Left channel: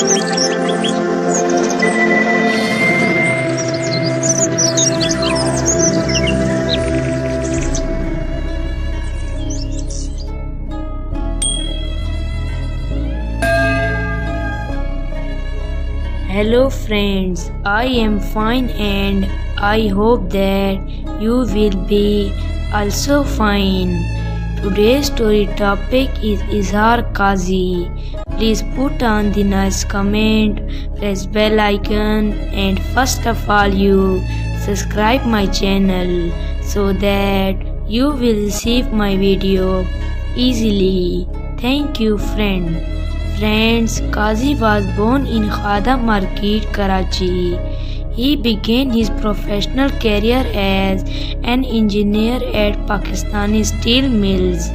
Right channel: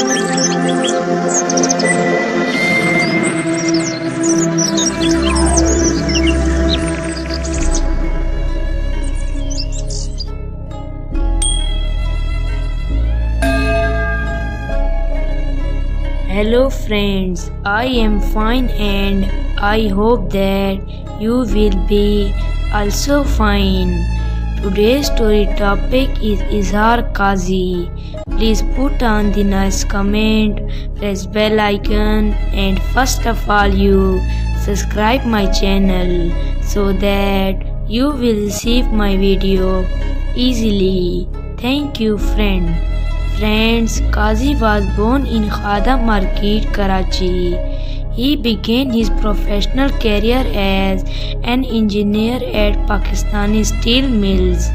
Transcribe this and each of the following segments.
Hello friends, I am fine and I hope that you will be also fine. Today's story topic is Izhar Qazi. Please put on the nice comment, press bell icon and first of all you subscribe my channel so that you will receive my video easily. Thank you friend. Friends, Qazi was born in Khada Market, Karachi. He began his professional career as an engineer at Pakistani steel mills,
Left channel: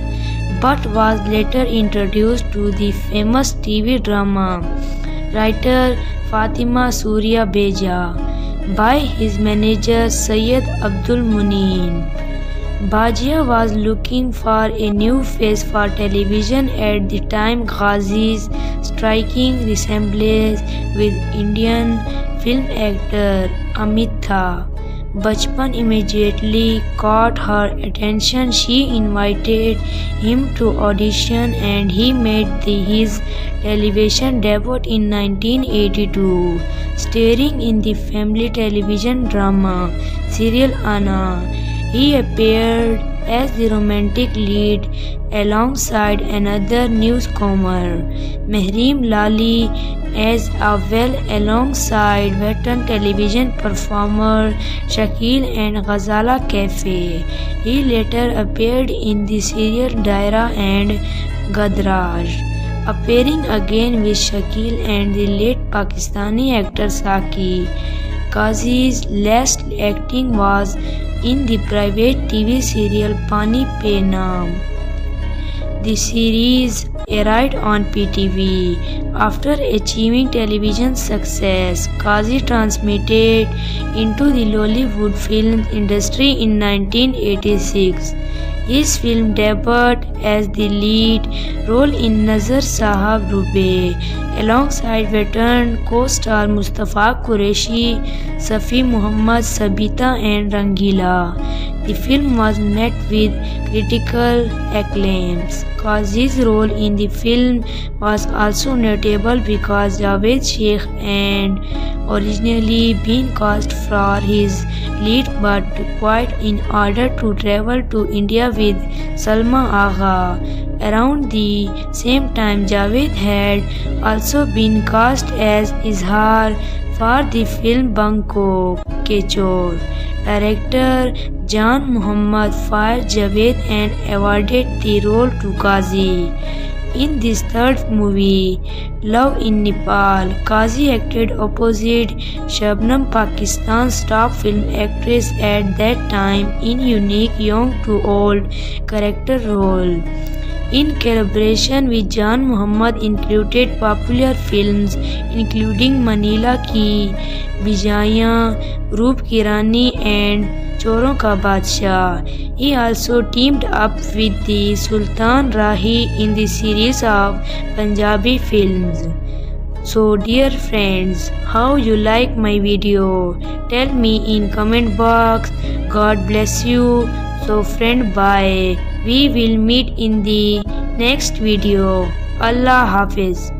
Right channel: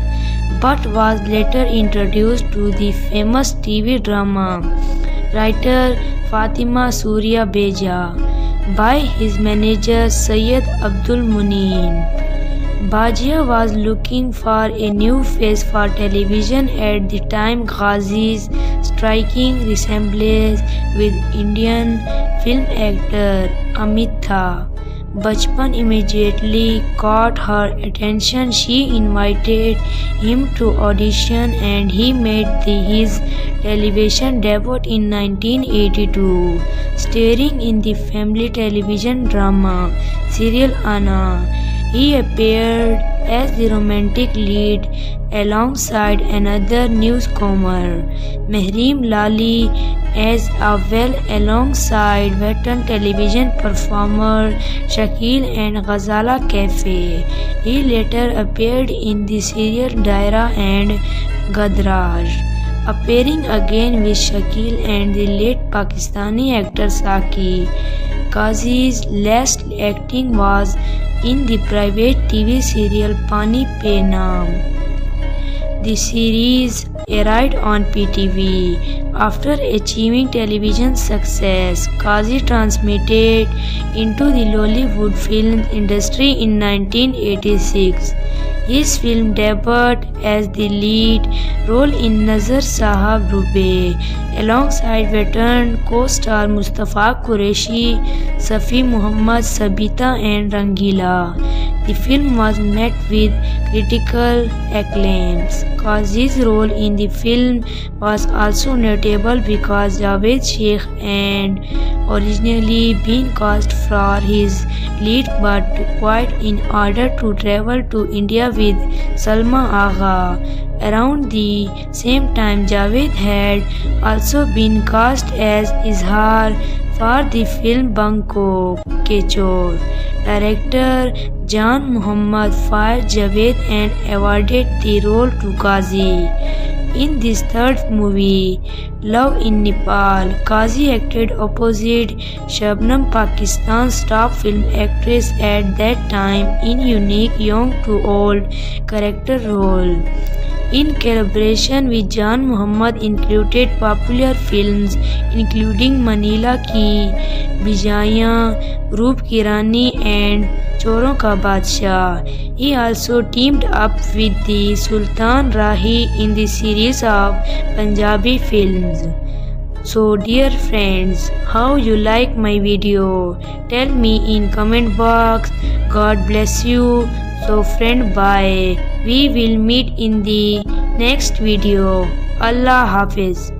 but was later introduced to the famous TV drama writer Fatima Surya Beja by his manager Syed Abdul Muneen. Bajia was looking for a new face for television at the time. Qazi's striking resemblance with Indian film actor Amitabh Bachchan immediately caught her attention. She invited him to audition and he made his television debut in 1982, starring in the family television drama serial Anna. He appeared as the romantic lead alongside another newcomer, Mehrim Lali, as well alongside veteran television performer Shakil and Ghazala Cafe. He later appeared in the serial Daira and Gadraj, appearing again with Shakil and the late Pakistani actor Saki. Qazi's last acting was in the private TV serial Pani Pe Naam. The series aired on PTV. After achieving television success, Qazi transmitted into the Lollywood film industry in 1986. His film debut as the lead role in Nazar Sahab Rube alongside veteran co-star Mustafa Qureshi, Safi Muhammad, Sabita and Rangila. The film was met with critical acclaims. Qazi's role in the film was also notable because Javed Sheikh had originally been cast for his lead but quit in order to travel to India with Salma Agha. Around the same time, Javed had also been cast as Izhar for the film Banko Ke Chor. Director Jan Muhammad fired Javed and awarded the role to Qazi. In this third movie, Love in Nepal, Qazi acted opposite Shabnam, Pakistan's top film actress at that time, in unique young to old character role. In collaboration with Jan Muhammad included popular films including Manila Ki Bijaya, Roop Ki Rani and Choron Ka Badshah. He also teamed up with the Sultan Rahi in the series of Punjabi films. So dear friends, how you like my video? Tell me in comment box. God bless you. So friend, bye. We will meet in the next video. Allah Hafiz.